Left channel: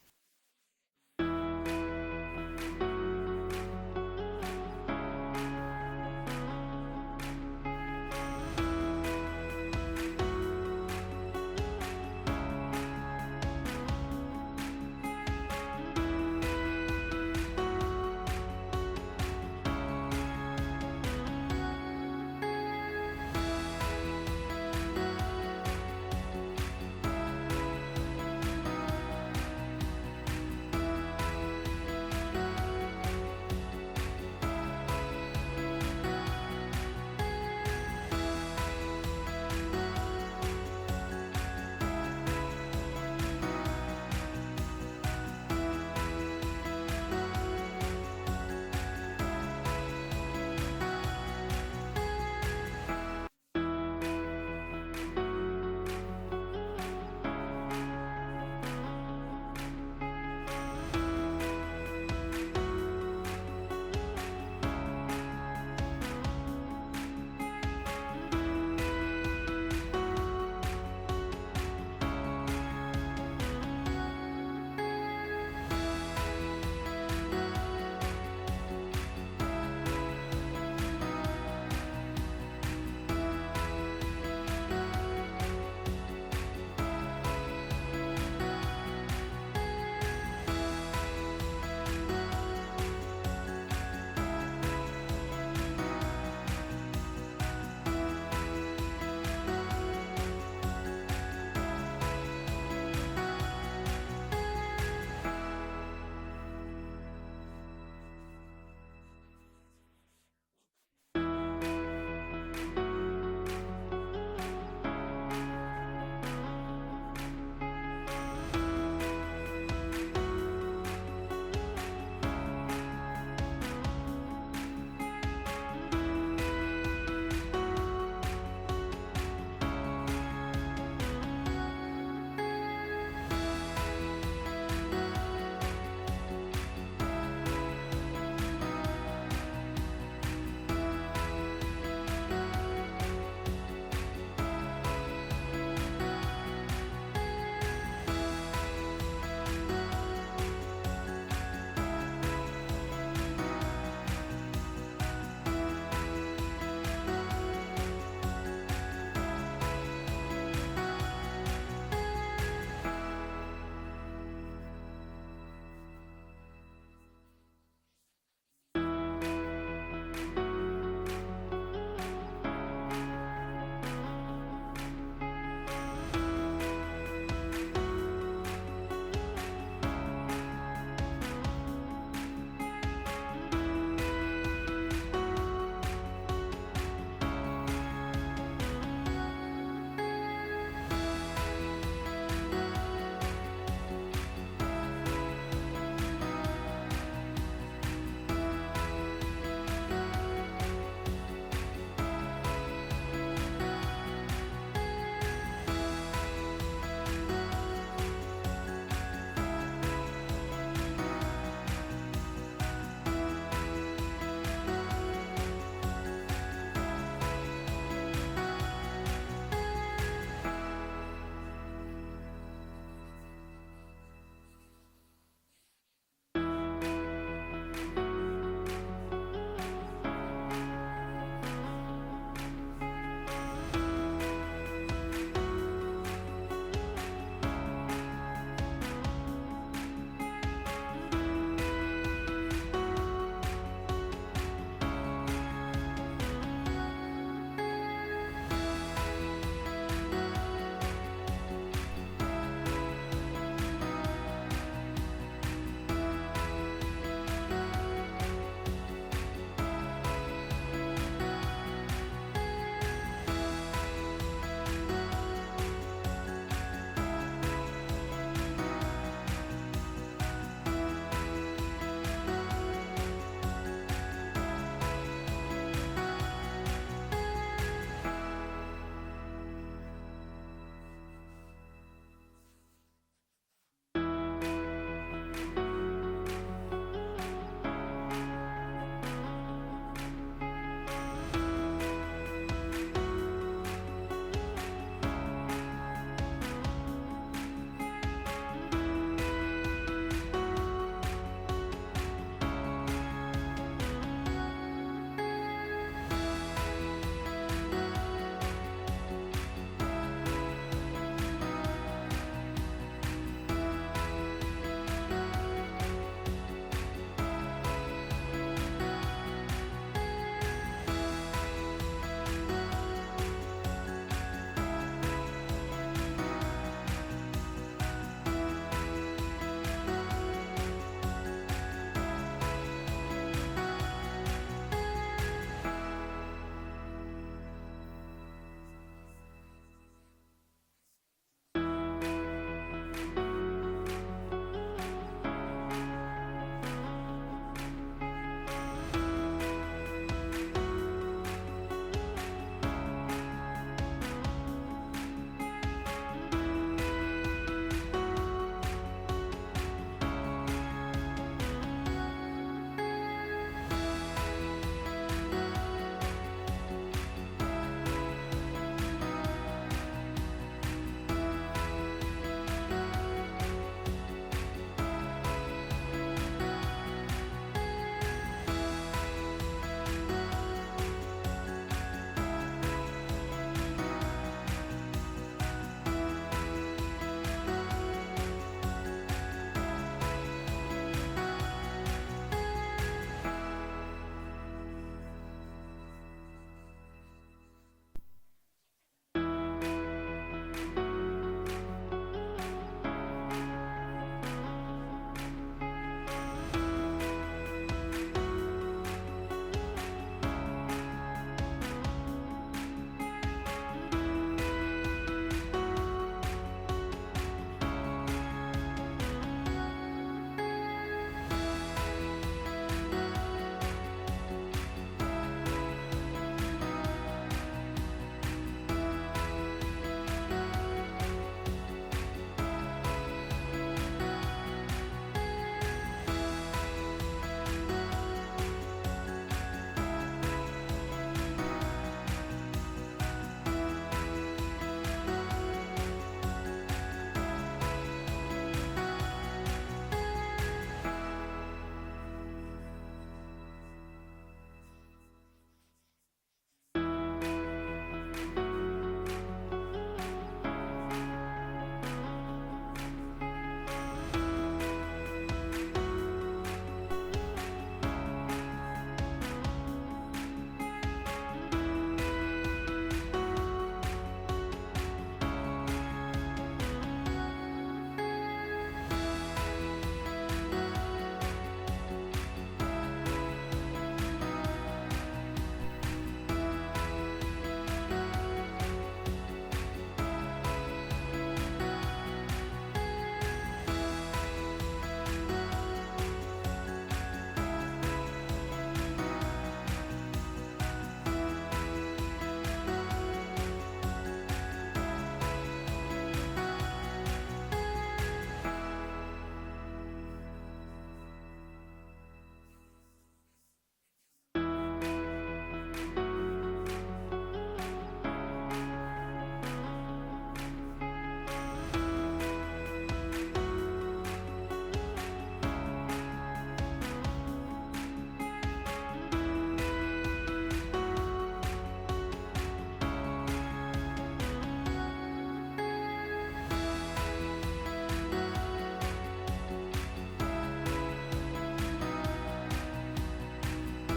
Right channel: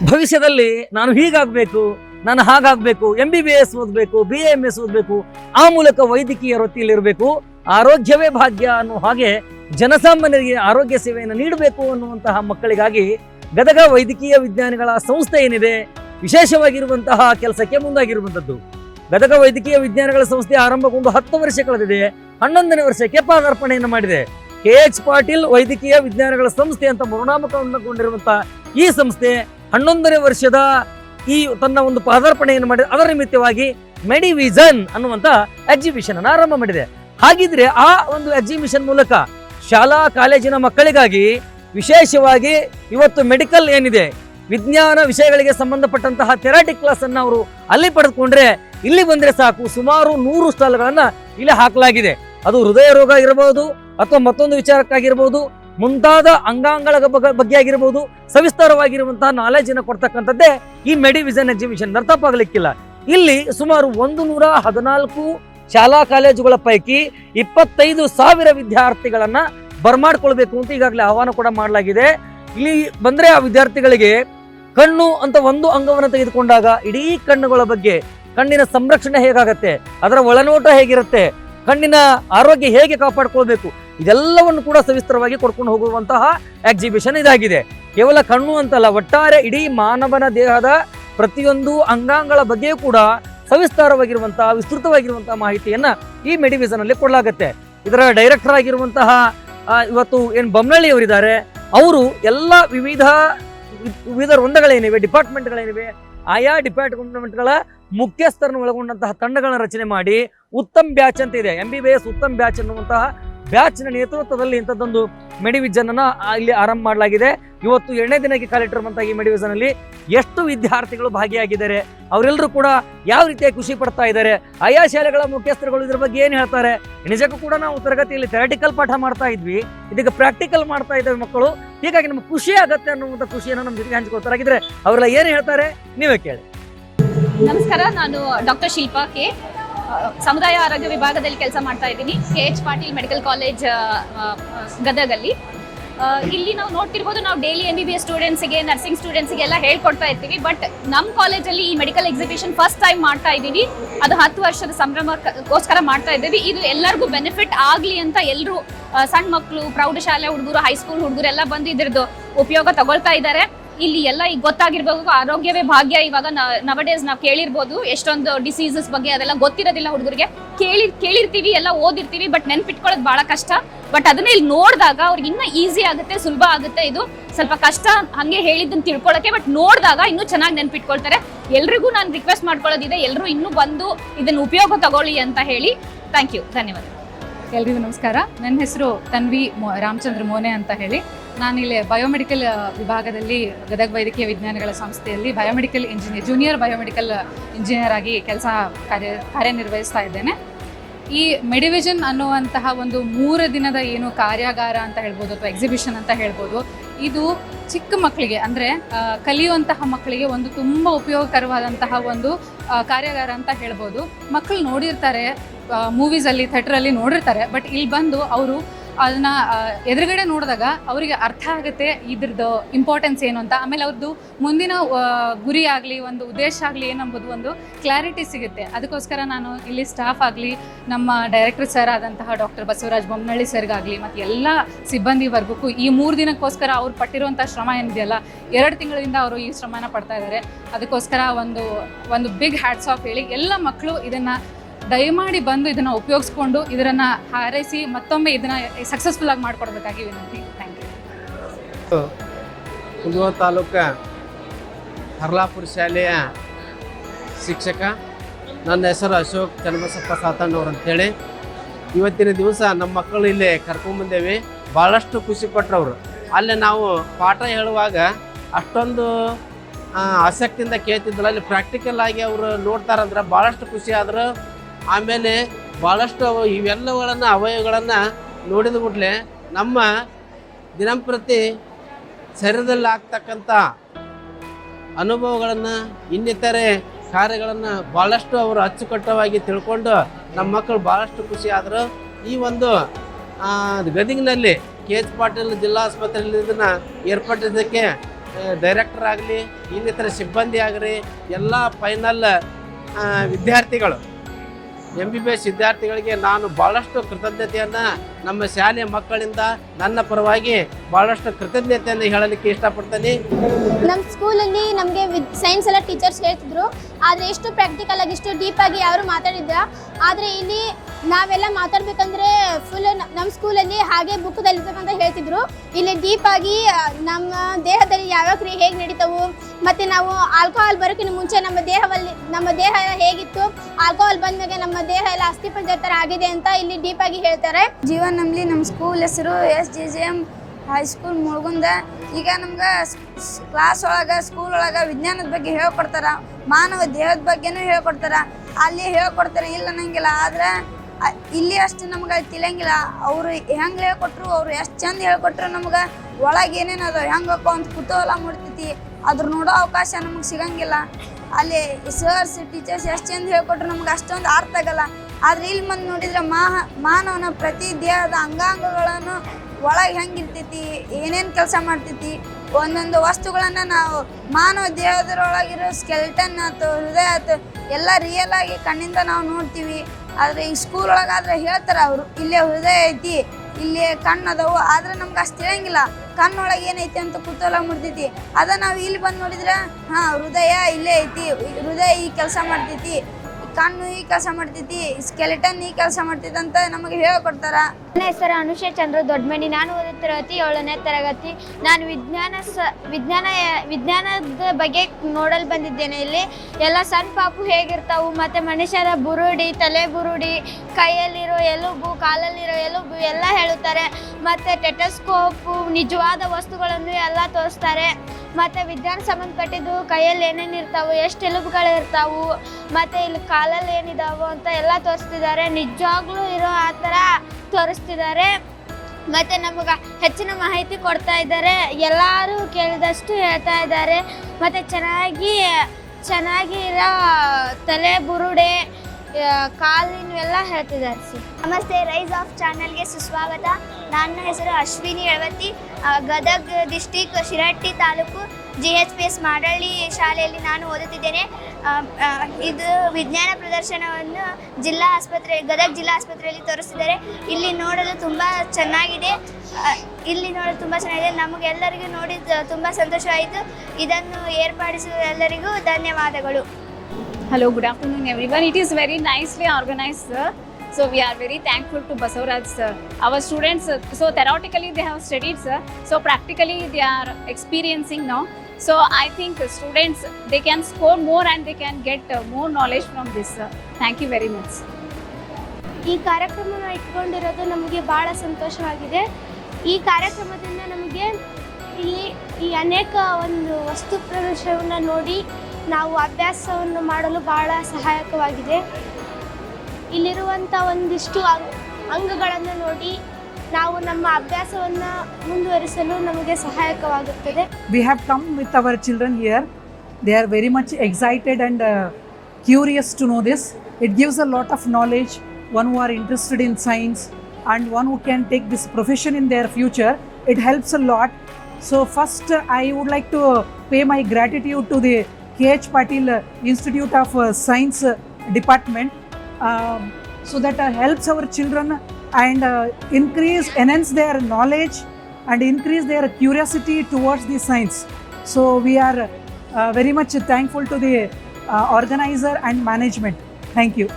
ಭವಿಷ್ಯದಲ್ಲಿ ನಾನು ಹೀಗಾಗಬೇಕು, ನಾನು ಹಾಗಾಗಬೇಕು, MBBS ಓದಬೇಕು, BAMS ಓದಬೇಕು, ಆ ಮೂಲಕ ವೈದ್ಯಕೀಯ ವೃತ್ತಿಯಲ್ಲಿರಬೇಕು, ಆರೋಗ್ಯವೇ ಭಾಗ್ಯ ಅನ್ನೋ ಹಾಗೆ ಜನಸಾಮಾನ್ಯರಿಗೆ ಆರೋಗ್ಯ ಸೇವೆಯನ್ನು ನೀಡಬೇಕು ಅನ್ನುವಂತಹ ಮಕ್ಕಳಿಗಾಗಿ ಗದಗ ವೈದ್ಯಕೀಯ ವಿಜ್ಞಾನಿಗಳ ಸಂಸ್ಥೆ ಏನಿದೆ ವಿಶೇಷವಾಗಿರುವಂತಹ ಕೆಲಸಕ್ಕೆ ಮುಂದಾಗಿರುವಂಥದ್ದು. ಗದಗ ವೈದ್ಯಕೀಯ ವಿಜ್ಞಾನಿಗಳ ಸಂಸ್ಥೆ ಆರಂಭಗೊಂಡು 10 ವರ್ಷ ಕಳೆದಿದೆ. 11ನೇ ವರ್ಷಕ್ಕೆ ಪಾದಾರ್ಪಣೆಯನ್ನು ಮಾಡಿದೆ. KH ಪಾಟೀಲ್ ವೈದ್ಯಕೀಯ ವಿಜ್ಞಾನಿಗಳ ಸಂಸ್ಥೆ ಅಂತ ಮರುನಾಮಕರಣಗೊಂಡಿರುವಂತಹ ಈ ಸಂಸ್ಥೆ 11ನೇ ವರ್ಷದ ಈ ತನ್ನ ಒಂದು ಪಾದಾರ್ಪಣೆಯನ್ನು ಮಾಡಿದೆ. ಅದರ ನಿಮಿತ್ತವಾಗಿ ಮೆಡಿವಿಷನ್ ಅನ್ನುವಂತ ಎಕ್ಸಿಬಿಷನ್ ಅನ್ನು ಆರಂಭ ಮಾಡಿದೆ. ಹಾಗಿದ್ರೆ ಆ ಒಂದು ಎಕ್ಸಿಬಿಷನ್ ಮೂಲಕ ಶಾಲಾ ಕಾಲೇಜಿನ ಮಕ್ಕಳಿಗಾಗಿ ವಿಶೇಷವಾಗಿ ಇವತ್ತು ಮೆಡಿಕಲ್ ಏನಿದೆ, ವಿಜ್ಞಾನ ವಿಷಯಗಳಿಗೆ ಸಂಬಂಧಪಟ್ಟಂತಹ ಥೆರಾಟಿಕ್ ಕ್ಲಾಸ್ ಅನ್ನು ಅವರು ಅಲ್ಲಿ ಪಡೆದುಕೊಂಡ್ರೆ ಇಲ್ಲಿ ಬಂದ್ರೆ ಸಾಕು. ಸುಮಾರು 100 ಸ್ಟಾಲ್ಗಳನ್ನ ಇಲ್ಲಿ ಹಾಕಲಾಗಿದೆ. ಅದು ಹೃದಯ ರೋಗ ಇರಬಹುದು ಅಥವಾ ಮತ್ತೊಂದು ವಿಚಾರಕ್ಕಾಗಿರ್ಬೋದು, ಮುಂತಾದ ಅಂಗಾಂಗಗಳ ಬಗ್ಗೆ ಆಗಿರ್ಬೋದು, ಸವಿಸ್ತಾರವಾಗಿರುವಂತಹ ನಾಲೆಜ್ ಅನ್ನು ಕೊಡ್ತಕ್ಕಂಥದ್ದೇ ಈ ಮೆಡಿವಿಷನ್ ಎಕ್ಸಿಬಿಷನ್. ತಪ್ಪಾಗಲಿಕ್ಕಿಲ್ಲ. ಇಲ್ಲಿ ಸುಮಾರು 114 ಶಾಲಾ ಕಾಲೇಜುಗಳ ಪೈಕಿ 25,000 ವಿದ್ಯಾರ್ಥಿಗಳನ್ನ ಬರ್ಮಾಡ್ಕೊಳ್ಬೇಕು ಅಂತ ಈಗಾಗಲೇ ಆಹ್ವಾನ ಕೂಡ ಮಾಡಲಾಗಿದೆ. ಇಲ್ಲಿ ಬಂದ್ರೆ ಆ ವಿದ್ಯಾರ್ಥಿಗಳಿಗೆ ಕಣ್ಣು ಅಂತ ಒಂದು ಅಂಗವನ್ನು ತೆಗೆದುಕೊಂಡಾಗ ಇಡೀ ಕಣ್ಣುಗಳ ಬಗ್ಗೆ, ಕಣ್ಣಿನ ಸಂರಕ್ಷಣೆ ಹೇಗಾಗತ್ತೆ, ಅದರ ಒಳನೋಟ ಹೇಗಿರುತ್ತೆ, ಕಣ್ಣಿನ ಆರೋಗ್ಯ ಹೇಗೆ ಕಾಪಾಡ್ಕೊಳ್ಬೇಕು, ಇದೆಲ್ಲವನ್ನು ಕೂಡ ಸವಿಸ್ತರವಾಗಿ ಕೊಡ್ಕೊಂಡು ಹೋಗುವಂತಹ ಎಕ್ಸಿಬಿಷನ್ ಇದಾಗಿದೆ. ಕೇವಲ ಕಣ್ಣು ಅಂತಲ್ಲ, ಒಟ್ಟಾರೆ ಇಡೀ ಮಾನವನ ದೇಹದ ಪ್ರತಿಯೊಂದು ಅಂಗಾಂಗಗಳ ಬಗ್ಗೆಯೂ ಕೂಡ ಸವಿಸ್ತಾರವಾಗಿರುವಂತಹ ವಿಸ್ತೃತವಾಗಿರುವಂತಹ ಮಾಹಿತಿಯನ್ನ ಈ ಮೆಡಿವಿಷನ್ ಅಲ್ಲಿ ಕೊಡಲಾಗುತ್ತೆ. ಇದರ ಡೈರೆಕ್ಟರ್ ಆಗಿರುವಂತಹ ಇವತ್ತು ಏನು ಬೊಮ್ಮನಳ್ಳಿ ಅವರಿದ್ದಾರೆ, ಅವರು ಎಲ್ಲ ವಿವಿಧ ವೃಂದಗಳೇನಿವೆ, ಡಿಪಾರ್ಟ್ಮೆಂಟ್ಗಳೇನಿವೆ, ಆಯಾ ಡಿಪಾರ್ಟ್ಮೆಂಟ್ಗಳ ಮುಖ್ಯಸ್ಥರನ್ನು ಒಳಗೊಂಡಂತಹ ತಂಡಗಳನ್ನ ರಚನೆ ಮಾಡಿ ಉತ್ತಮ್ ಬ್ಯಾಚ್ ಅಂತ ಇದೆ, MBBS ಉತ್ತಮ್ ಬ್ಯಾಚ್ ಅನ್ನುವಂತಹ ಬ್ಯಾಚ್ನ ನೇತೃತ್ವದಲ್ಲಿ ಇಂಥದ್ದೊಂದು ಮೆಡಿವಿಷನ್ ಅನ್ನ ಇಲ್ಲಿ ಆರಂಭ ಮಾಡಲಾಗಿದೆ. ಇವತ್ತು 2ನೇ ದಿನಕ್ಕೆ ಕಾಲಿಟ್ಟಿರುವಂತಹ ಈ ಮೆಡಿವಿಷನ್ ಅಲ್ಲಿ ಎಷ್ಟು ವಿದ್ಯಾರ್ಥಿಗಳು ಭಾಗಿಯಾಗಿದ್ದಾರೆ, ಅವರೆಲ್ಲರೂ ಕೂಡ ಯಾವ ರೀತಿಯಾಗಿ ಖುಷಿ ಪಡ್ತಾ ಇದ್ದಾರೆ, ಆಯಾ ಶಾಲೆಗಳ ಮುಖ್ಯಸ್ಥರುಗಳು ಇದ್ರ ಬಗ್ಗೆ ಏನು ಹೇಳ್ತಾರೆ. ನಿಜಕ್ಕೂ ಕೂಡ ನಾವು ತರಗತಿಯಲ್ಲಿ ಥಿಯರಿಟಿಕಲ್ ಪಾಠ ಮಾಡ್ತಾ ಇದ್ವಿ, ಇದೀಗ ಪ್ರಾಕ್ಟಿಕಲ್ ಮಾಡ್ತಾ ಇದ್ದಾರೆ ಮಕ್ಕಳು. ಹೀಗಾಗಿ ನಮ್ಗೆ ಖುಷಿ ಆಗತ್ತೆ ಅನ್ನುವಂಥ ಖುಷಿಯನ್ನು ನಮ್ಮ ಜೊತೆ ಹಂಚಿಕೊಳ್ತಾರಾಗಿದ್ರೆ ಅವರೆಲ್ಲ ಏನು ಹೇಳ್ತಾರೆ ನೀವೇ ಕೇಳಿ. ನಮಸ್ಕಾರ, ನಾನು ಡಾಕ್ಟರ್ ಶಿಲ್ಪಾ ಕೆ, ಸಮುದಾಯ ಆರೋಗ್ಯ ವಿಭಾಗದಲ್ಲಿ ಕೆಲಸ ಮಾಡ್ತಾ ಇದ್ದೀನಿ, KH ಪಾಟೀಲ್ ಮೆಡಿಕಲ್ ಕಾಲೇಜ್ ಗದಗಲ್ಲಿ. ಇಲ್ಲಿ ನಾವು ನೋಡ್ತಿರ್ಬೋದು, ನಾವು ಡೈಲಿ MBBS ಸ್ಟೂಡೆಂಟ್ಸಿಗೆ, ನರ್ಸಿಂಗ್ ಸ್ಟೂಡೆಂಟ್ಸಿಗೆ ಎಲ್ಲ ಹೇಳ್ಕೊಡ್ತಾ ಇರ್ತೀವಿ. ಬಟ್ ನಮ್ಮ ಕಾಲೇಜಲ್ಲಿ ಈ ಮೆಡಿಕಲ್ ಎಕ್ಸಿಬಿಷನ್ ಫಸ್ಟ್ ಟೈಮ್ ಮಾಡ್ತಾ ಇದ್ದೀವಿ. ಅದು 10 ವರ್ಷದ ಸಂಭ್ರಮಕ್ಕೋಸ್ಕರ ಮಾಡ್ತಾ ಇದ್ದೀವಿ. ಇದು ಎಲ್ಲರಿಗೂ ಬೆನಿಫಿಟ್ ಆಗಲಿ ಅಂತ ಎಲ್ಲರೂ, ಸಣ್ಣ ಮಕ್ಕಳು, ಪ್ರೌಢಶಾಲೆ ಹುಡುಗರು, ಹೈಸ್ಕೂಲ್ ಹುಡುಗರು ಎಲ್ಲ ಬಂದು ಇದ್ರದ್ದು ಉಪಯೋಗ ತಗೊಳ್ತಾ ಇದ್ದಾರೆ. ಇಲ್ಲಿ ಎಲ್ಲ ಈಗ ಗೊತ್ತಾಗಿರ್ಬೇಕು, ಆರೋಗ್ಯವೇ ಭಾಗ್ಯ. ಇವಾಗ ನವಡೇಸ್ ನಾವು ಕೇಳಿರ್ಬೋದು ಎಷ್ಟೊಂದು ಡಿಸೀಸಸ್ ಬಗ್ಗೆ, ಅದೆಲ್ಲ ಗೊತ್ತಿರೋದಿಲ್ಲ ಹುಡುಗರಿಗೆ. ಕೇಳಿರ್ತೀವಿ, ಎಲ್ಲ ಓದಿರ್ತೀವಿ, ಬಟ್ ನೆನ್ಪಿಟ್ಕೊಳ್ಳೋದು ಬಹಳ ಕಷ್ಟ. ಬಟ್ ಅದನ್ನ ಇಲ್ಲಿ ನೋಡಿದಾಗ ಅವ್ರಿಗೆ ಇನ್ನೂ ಈಸಿ ಆಗುತ್ತೆ, ಸುಲಭ ಆಗುತ್ತೆ. ಇದು ಸ್ವಲ್ಪ ಕಷ್ಟ ಹಂಗೆ ಹೇಳಿದ್ದನ್ನು ತಿಳ್ಕೊಳ್ಳೋಕೆ, ಬಟ್ ನೋಡಿದಾಗ ಇನ್ನೂ ಚೆನ್ನಾಗಿ ನೆನ್ಪಿಟ್ಕೊಳ್ತಾರೆ. ಎಲ್ರಿಗೂ ನಾನು ರಿಕ್ವೆಸ್ಟ್ ಮಾಡ್ಕೊಳ್ಳೋದಿದೆ, ಎಲ್ಲರೂ ಇನ್ನೂ ಬಂದು ಇದನ್ನು ಉಪಯೋಗ ತಗೊಳ್ಳಿ ಅಂತ ಹೇಳಿ. ಥ್ಯಾಂಕ್ ಯು, ಧನ್ಯವಾದ. ಎಲ್ರಿಗೂ ನಮಸ್ಕಾರ. ನನ್ನ ಹೆಸರು ತನ್ವಿ ರಾಮಚಂದ್ರ ಮೋನೆ ಅಂತ ಹೇಳಿ. ನಾನಿಲ್ಲಿ ಬಯೋಮೆಡಿಕಲ್ ವಿಭಾಗದಲ್ಲಿ ಗದಗ ವೈದ್ಯಕೀಯ ವಿಜ್ಞಾನಿಗಳ ಸಂಸ್ಥೆಯಲ್ಲಿ biomedical engineer, junior biomedical engineer ಆಗಿ ಕಾರ್ಯನಿರ್ವಹಿಸ್ತಾ ಇದ್ದೇನೆ. ಈ ಮೆಡಿವಿಷನ್ ಅನ್ನುವಂತಹ ಒಂದು 3 ದಿನದ ಏನು ಕಾರ್ಯಾಗಾರ ಅಂತ ಹೇಳ್ಬೋದು ಅಥವಾ ಎಕ್ಸಿಬಿಷನ್ ಅಂತ ಹೇಳ್ಬೋದು, ಇದು ಚಿಕ್ಕ ಮಕ್ಕಳಿಗೆ ಅಂದರೆ ಕಲಿಯುವಂತಹ ಮಕ್ಕಳಿಗೆ ಒಂದು ತುಂಬ ಉಪಯೋಗಕರವಾದಂತಹ ಒಂದು ಕಾರ್ಯಾಗಾರ ಅಂತ ಹೇಳ್ಬೋದು. ಮಕ್ಕಳು ನೋಡಿರ್ತಾರೆ, ಮೂವೀಸಲ್ಲಿ, ಥಿಯೇಟ್ರಲ್ಲಿ ನೋಡಿರ್ತಾರೆ, ಬಟ್ ಇಲ್ಲಿ ಬಂದು ಅವರು ಅದನ್ನ ಎದುರುಗಡೆ ನೋಡಿದಾಗ ಅವರಿಗೆ ಅರ್ಥ ಆಗುತ್ತೆ ಇದ್ರದ್ದು ಇಂಪಾರ್ಟೆನ್ಸ್ ಏನು ಅಂತ. ಆಮೇಲೆ ಅವ್ರದ್ದು ಮುಂದಿನ ಗುರಿ ಆಗಲಿ, ಒಂದು ಉದ್ದೇಶ ಆಗಲಿ ಏನಂಬುದು ಒಂದು ಕ್ಲಾರಿಟಿ ಸಿಗುತ್ತೆ. ಅದಕ್ಕೋಸ್ಕರ ನಾನು ಇಲ್ಲಿ ಸ್ಟಾಫ್ ಆಗಲಿ, ನಮ್ಮ ಡೈರೆಕ್ಟರ್ ಸರ್ ಆದಂತಹ ಡಾಕ್ಟರ್ ಬಸವರಾಜ್ ಬೊಮ್ಮನಳ್ಳಿ ಸರ್ಗಾಗಲಿ ಮತ್ತು ಎಲ್ಲ ಸಿಬ್ಬಂದಿ ವರ್ಗಕ್ಕೂ ಈ 3 ದಿನಕ್ಕೋಸ್ಕರ ಅವ್ರು ಪಟ್ಟಿರುವಂಥ ಶ್ರಮ ಏನಿದೆಯಲ್ಲ, 2 ತಿಂಗಳಿಂದ ಅವರು ಈ ಶ್ರಮನ ಪಡ್ತಾ ಇದ್ದಾರೆ. ಅದಕ್ಕೋಸ್ಕರ ಒಂದು ಬಿಗ್ ಹ್ಯಾಟ್ಸ್ ಆಫ್ ಹೇಳಿ ಎಲ್ಲ ಮಕ್ಕಳು ಇದನ್ನು ದಯಮಾಡಿ ಬಂದು ಇದನ್ನು ಉಪಯೋಗಿಸ್ಕೊಂಡು ಇದನ್ನು ಹಾರೈಸಿ ಮತ್ತೊಮ್ಮೆ ಇದನ್ನು ಸಕ್ಸಸ್ಫುಲ್ ಆಗಿ ಮಾಡಿಕೊಡ್ಬೇಕಾಗಿ ವಿನಂತಿ. Thank you. ಕುಂದಗೋಳ ತಾಲೂಕು ಹರ್ಲಾಪುರ ಶಾಲೆಯ ಶಿಕ್ಷಕ. ನನ್ನ ಹೆಸರು ಅಶೋಕ್ ಚನ್ನಬಸಪ್ಪ ಸಾತಣ್ಣವ್ರು ಅಂತೇಳಿ. ಇವತ್ತಿನ ದಿವಸ ನಮ್ಮ ಮಕ್ಕಳು ಇಲ್ಲಿ ಕರ್ಕೊಂಡ್ಬಂದೇವಿ. ಭಾಳಷ್ಟು ಖುಷಿ ಪಟ್ಟರವರು. ಅಲ್ಲಿ ನಾವು ಪಾಠ ಹೇಳುವಾಗ ಅಷ್ಟೊಂದು ಆಸಕ್ತಿಯಿಂದ ಕೇಳ್ತಿದ್ದಿಲ್ಲ. ಅಲ್ಲಿ ಪ್ರಾಕ್ಟಿಕಲ್ ಆಗಿ ಅವರು ನೋಡ್ತಾರಂದ್ರೆ ಭಾಳಷ್ಟು ಖುಷಿ ಆದರು. ಆಮೇಲೆ ಭಾಳಷ್ಟು ಇವೆಲ್ಲಗಳನ್ನು ಅವಯವಗಳನ್ನು ನೋಡಿದ ಕೂಡಲೇ ನಮ್ಮ ದಿನಂಪ್ರತಿ ಶರೀರದಲ್ಲಿ ಆಗ್ತಕ್ಕಂಥ ಅನುಭವಗಳನ್ನು, ಇನ್ನಿತರೆ ಕಾರ್ಯಗಳನ್ನು ಭಾಳಷ್ಟು ಅವರು ಅಚ್ಚುಕಟ್ಟವಾಗಿ ತಿಳ್ಕೊಂಡು ನಮ್ಮ ಮಕ್ಕಳು ಭಾಳಷ್ಟು ಖುಷಿ ಆದರು. ಈ ಒಂದು ಗದಗಿನಲ್ಲಿ KH ಪಾಟೀಲ್ ಜಿಲ್ಲಾ ಆಸ್ಪತ್ರೆಯಲ್ಲಿ ಇದನ್ನು ಏರ್ಪಡಿಸೋದಕ್ಕೆ ಡೈರೆಕ್ಟರ್ ಆಗಲಿ ಇನ್ನಿತರ ಸಿಬ್ಬಂದಿ ಆಗಲಿ ಎಲ್ಲ ಫೈನಲ್ ವಿದ್ಯಾರ್ಥಿಗಳು MBBS ವಿದ್ಯಾರ್ಥಿಗಳಿಗೆ ನಾನು ಭಾಳಷ್ಟು ಕೃತಜ್ಞತೆಯನ್ನು ನಮ್ಮ ಶಾಲೆಯ ಮಕ್ಕಳಿಂದ ನನ್ನ ಪರವಾಗಿ ಭಾಳಷ್ಟು ಕೃತಜ್ಞತೆಯನ್ನು ಹೇಳಲಿಕ್ಕೆ ಇಷ್ಟಪಡ್ತೀನಿ. ನಮ್ಮ ಸ್ಕೂಲಲ್ಲಿ ನಮಗೆ ಸೈನ್ಸ್ ಎಲ್ಲ ಟೀಚರ್ಸ್ ಹೇಳ್ತಿದ್ರು, ಆದರೆ ಎಷ್ಟು ಪ್ರಾಕ್ಟಿಕಲ್ ಆಗಿ ಇಷ್ಟು ಡೀಪಾಗಿ ಯಾರು ಮಾತಾಡಿದ್ರ. ಆದರೆ ಇಲ್ಲಿ ನಾವೆಲ್ಲ ಮಾತಾಡ್ಬೇಕಂದ್ರೆ ಫುಲ್ ನಮ್ಮ ಸ್ಕೂಲಲ್ಲಿ ಹಾಗೆ ಬುಕ್ದಲ್ಲಿ ಇರ್ಬೇಕಂತ ಹೇಳ್ತಿದ್ರು. ಇಲ್ಲಿ ಡೀಪಾಗಿ ನಮ್ಮ ದೇಹದಲ್ಲಿ ಯಾವ್ಯಾವ ಕ್ರಿಯೆ ಹೇಗೆ ನಡೀತಾವು, ಮತ್ತು ನಾವು ಆಲ್ಕೋಹಾಲ್ ಬರೋಕ್ಕಿಂತ ಮುಂಚೆ ನಮ್ಮ ದೇಹ ಹೇಗಿತ್ತು, ಆಲ್ಕೋಹಾಲ್ ಬಂದ್ಮೇಲೆ ನಮ್ಮ ದೇಹ ಎಲ್ಲ ಅಸ್ಥಿಪಂಜರ ಥರ ಆಗಿದೆ ಅಂತ ಇಲ್ಲಿ ಡೀಪಾಗಿ ಹೇಳ್ತಾರೆ. ಜೀವನಂಲಿ ನಮ್ಮ ಸ್ಕೂಲ್ ಹೆಸರು SJJM ಹೈಸ್ಕೂಲ್ ಮುಳಗುಂದ. ಈಗ ನಮ್ಗೆ ಕ್ಲಾಸ್ ಒಳಗೆ ಸ್ಕೂಲ್ ಒಳಗೆ ವಿಜ್ಞಾನದ ಬಗ್ಗೆ ಹೇಳ್ಕೊಡ್ತಾರೆ, ಮಾನವ ದೇಹದ ಬಗ್ಗೆನೂ ಹೇಳ್ಕೊಡ್ತಾರೆ. ಅಲ್ಲಿ ಹೇಳ್ಕೊಡ್ತಾರೆ ಇಲ್ಲ ಅನ್ನಂಗಿಲ್ಲ, ಆದ್ರೆ ಇಲ್ಲಿ ಅಷ್ಟು ನಮ್ಗೆ ತಿಳಿಯಂಗಿಲ್ಲ. ಅವರು ಹೆಂಗೆ ಹೇಳ್ಕೊಟ್ರು, ಅವ್ರು ಎಷ್ಟು ಚಂದ ಹೇಳ್ಕೊಟ್ರು, ನಮ್ಗೆ ಒಳಗೆ ಏನೇನದು ಹೆಂಗೆ ಅಂತ ಕುತೂಹಲ ಮೂಡ್ತೈತಿ. ಅದ್ರ ನೋಡೋ ಅವಕಾಶ ನಮ್ಗೆ ಸಿಗಂಗಿಲ್ಲ. ಅಲ್ಲಿ ಸರ್ಸ್ ಟೀಚರ್ಸ್ ಎಷ್ಟು ಚಂದ ಹೇಳ್ಕೊಟ್ರು ನಮ್ಗೆ ಅಷ್ಟೊಂದು ಅರ್ಥ ಆಗಲ್ಲ. ಆದರೆ ಇಲ್ಲಿ ಬಂದು ನೋಡಿದ್ರೆ ಮಾನವನ ಪ್ರತಿ ದೇಹದ ಅಂಗಾಂಗಗಳನ್ನು ಒಳಗೆ ಹೆಂಗಿರ್ತೈತಿ, ಏನೇನು ಕೆಲಸ ಮಾಡ್ತೈತಿ, ಒಂದೊಂದು ವಸ್ತುಗಳನ್ನು ನಾವು ಮಾನವ ದೇಹದರೊಳಗಿರೋ ಸ್ಕೆಲ್ಟನ್ ಆಯ್ತು, ಹೃದಯ ಆಯ್ತು, ಎಲ್ಲ ರಿಯಲ್ ಆಗಿ ಕಣ್ಣಿಂದ ನಾವು ನೋಡ್ತೀವಿ. ಆದರೆ ಈ ಸ್ಕೂಲ್ ಒಳಗಾದ್ರೆ ಹೇಳ್ತಾರೆ ಅವರು, ಇಲ್ಲೇ ಹೃದಯ ಐತಿ, ಇಲ್ಲಿ ಕಣ್ಣು ಅದಾವು. ಆದರೆ ನಮ್ಗೆ ಅಷ್ಟು ತಿಳಿಯಂಗಿಲ್ಲ ಕಣ್ಣೊಳಗೆ ಏನೈತಿ ಅಂತ ಕುತೂಹಲ ಮಾಡ್ತೈತಿ. ಅದ ನಾವು ಇಲ್ಲಿ ಬಂದು ನೋಡಿದ್ರೆ ಹೃದಯ ಇಲ್ಲೇ ಐತಿ, ಹೃದಯ ಈ ಕೆಲಸ ಮಾಡ್ತೈತಿ, ಕಣ್ಣು ಈ ಕೆಲಸ ಮಾಡ್ತೈತಿ, ಸ್ಕೆಲೆಟನ್ ಈ ಕೆಲಸ ಮಾಡ್ತೈತಿ ಅಂತ ನಮಗೆ ಹೇಳ್ಕೊಡ್ತಾರ. ನನ್ನ ಹೆಸರು ಅನುಷಾ ಚಂದ್ರ ದೊಡ್ಡಮನಿ. ನಾನು ಓದುತ್ತಿರೋತಿ 7ನೇ ತರಗತಿ. ನಾನು ವಿಜ್ಞಾನದ ಬಗ್ಗೆ ನೋಡಲು ಬಂದಿದ್ದೇನೆ. ಇಲ್ಲಿ ಎಲ್ಲ ಸಣ್ಣ ಪಾಪು ಹೇಗಿರ್ತಾವು, ಮತ್ತು ಮನುಷ್ಯರ ಬುರುಡಿ, ತಲೆ ಬುರುಡಿ, ಕೈಯಲ್ಲಿರೋ ಎಲುಬು, ಕಾಲಲ್ಲಿರೋ ಎಲುಬು ಎಲ್ಲ ಹೇಳುತ್ತಾರೆ. ಮತ್ತು ಟೆಟಸ್ಕೋಪು, ನಿಜವಾದ ವಸ್ತುಗಳನ್ನು ಎಲ್ಲ ತೋರಿಸ್ತಾರೆ. ಮತ್ತು ವಿಜ್ಞಾನ ಸಂಬಂಧಪಟ್ಟಿದ್ದು ಕೈಯಲ್ಲಿ ಏನೇನು ಇರ್ತಾವೆ, ಎಷ್ಟು ಎಲುಬುಗಳು ಇರ್ತಾವು, ಮತ್ತು ಇಲ್ಲಿ ಕಾಲಲ್ಲಿ ಏನಿದಾವು ಅಂತ ಎಲ್ಲ ತೋರಿಸ್ತಿದ್ದಾರೆ. ನಿಜವಾಗ್ಲೂ ಇರೋ ಆ ಥರ ತೋರಿಸ್ತಿದ್ದಾರೆ. ಮತ್ತು ನಮಗೆ ಹೆಚ್ಚಿನ ಮಾಹಿತಿ ಕೊಡ್ತಾ ಇದ್ದಾರೆ. ಎಲ್ಲರೂ ಕೇಳಿದಷ್ಟು ಹೇಳ್ತಾ ಇದ್ದಾರೆ. ಮತ್ತು ಚೆನ್ನಾಗಿ ಇರೋ ತಲೆ ಬುರುಡೆ, ಕಾಲಿನ ಎಲ್ಲ ಹೇಳ್ತಿದ್ದಾರೆ. ನಮಸ್ತೆ, ರೈಸ್ ಆಫ್ ಚಾನಲ್ಗೆ ಸುಸ್ವಾಗತ. ನನ್ನ ಹೆಸರು ಅಶ್ವಿನಿ ಎಳವತ್ತಿ. ಗದಗ ಡಿಸ್ಟಿಕ್ ಶಿರಹಟ್ಟಿ ತಾಲೂಕು GHPS ಮಾಡಳ್ಳಿ ಶಾಲೆಯಲ್ಲಿ ನಾನು ಓದುತ್ತಿದ್ದೇನೆ. ಇದು ವಿಜ್ಞಾನ ಪ್ರದರ್ಶನವನ್ನು ಗದಗ ಜಿಲ್ಲಾ ಆಸ್ಪತ್ರೆಯಲ್ಲಿ ತೋರಿಸಿದ್ದಾರೆ. ಇಲ್ಲಿ ನೋಡಲು ತುಂಬ ಚೆನ್ನಾಗಿದೆ. ನಮಗೆಲ್ಲರಿಗೂ ನೋಡಿ ತುಂಬ ಸಂತೋಷವಾಯಿತು. ಇದನ್ನು ಏರ್ಪಡಿಸುವ ಎಲ್ಲರಿಗೂ ಧನ್ಯವಾದಗಳು. Hello, good afternoon everyone. It is very nicely organized, sir. So we are very thankful to Basavaraj sir. Our students, so theoretically they have studied, sir. So practically they are experiencing now. So I think the students, they can score more and they can get more knowledge from this, sir. Thank you very much. ಈ ಕಾರ್ಯಕ್ರಮನ ಇಟ್ಕೊಂಡಿರೋದು ನಮಗೆ ಭಾಳ ಸಂತೋಷವಾಗಿದೆ. ಈ ಕಾರ್ಯಕ್ರಮದಿಂದ ನಮಗೆ ಈ ಅನೇಕ ಒಂದು ವಸ್ತು ಪ್ರದರ್ಶನವನ್ನು ನೋಡಿ ನಾವು ಅಭ್ಯಾಸವನ್ನು ಮಾಡಲು ಭಾಳ ಸಹಾಯಕವಾಗಿದೆ. ಇಲ್ಲಿರುವಂಥ ಒಂದಿಷ್ಟು ಅಂಗಗಳನ್ನು ನೋಡಿ ನಾವು ನಮ್ಮ ಅಭ್ಯಾಸವನ್ನು ಮುಂದುವರಿಸಲು ನಮಗೆ ಸಹಾಯಕವಾಗುತ್ತದೆ. We have come with our children here. They are very much excited and curious to know this. It gives a lot of knowledge. One who are interested in science and one who can take this profession in their future. It helps a lot. So first I would like to pay my gratitude to the KH Patil Institute of Science Department, so that helps our children and enhance their knowledge and increase their curiosity towards the science. So we are very much thankful to the organizer and management. Thank you.